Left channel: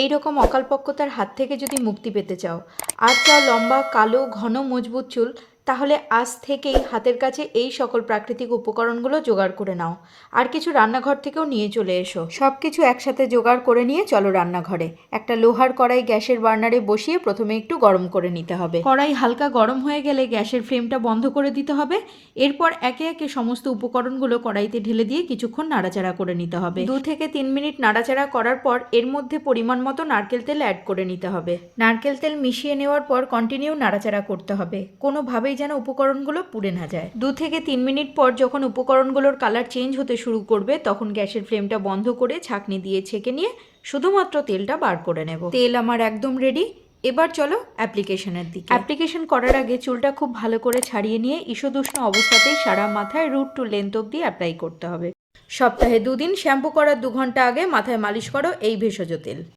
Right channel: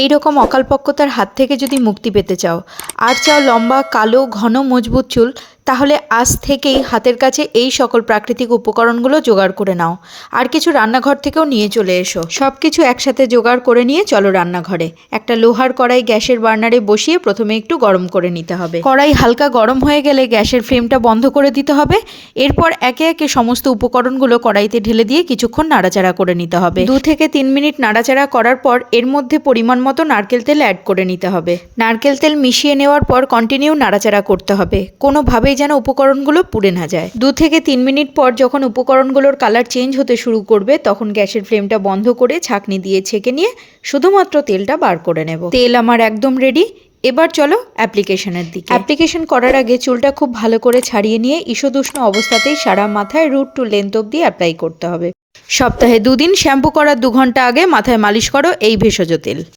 এই রকম অকালপক্বতার হাত থেকে যদি মুক্তি পেতে চাও আর চাও লম্বা কালো ঘন মজবুত চুল, তাহলে আজ থেকেই হাতের কাছে এই সকল প্রাকৃতিক উপকরণগুলো জোগাড় করে নাও। আর কিছু রান্নাঘর থেকেও নিয়ে চলে এসো। সব কিছু একসাথে জোগাড় করে নিয়ে চলো রান্নাঘরে। একটা লোহার কড়াই গ্যাসের বার্নারে বসিয়ে প্রথমে একটু গরম করে নিতে হবে। কড়াই হালকা গরম হয়ে গেলে গ্যাসের ফ্লেমটা বন্ধ করে দিতে হবে। এরপর একে একে সমস্ত উপকরণগুলো কড়াইতে ঢেলে দিয়ে কিছুক্ষণ নাড়াচাড়া করে নিতে হবে। 2 থেকে 3 মিনিট নাড়াচাড়া করার পর এর মধ্যে পরিমাণ মতো নারকেল তেল অ্যাড করে নিতে হবে। নারকেল তেল মিশিয়ে নেওয়ার পর কন্টিনিউ নাড়াচাড়া করতে হবে, কোনোভাবেই যেন উপকরণগুলো পুড়ে না যায়। 2 থেকে 3 মিনিট পর যখন উপকরণগুলোর কালার চেঞ্জ হতে শুরু করবে তখন গ্যাসের ফ্লেমটা বন্ধ করে ছাঁকনি দিয়ে ছেঁকে নিয়ে শুধুমাত্র তেলটা বার করে নেব। তেল আমার একদম রেডি। এবার চলো অ্যাপ্লিকেশনের দিকে। অ্যাপ্লিকেশন করার আগে চুলটা খুব ভালো করে ছাড়িয়ে নিয়ে ঈষদুষ্ণ অবস্থাতেই সারা মাথায় রুট টু লেন্থ অবধি অ্যাপ্লাই করতে হবে। সপ্তাহে 2 দিন শ্যাম্পু করার 2 ঘন্টা আগে মাথায় মালিশ করো এই ভেষজ তেল।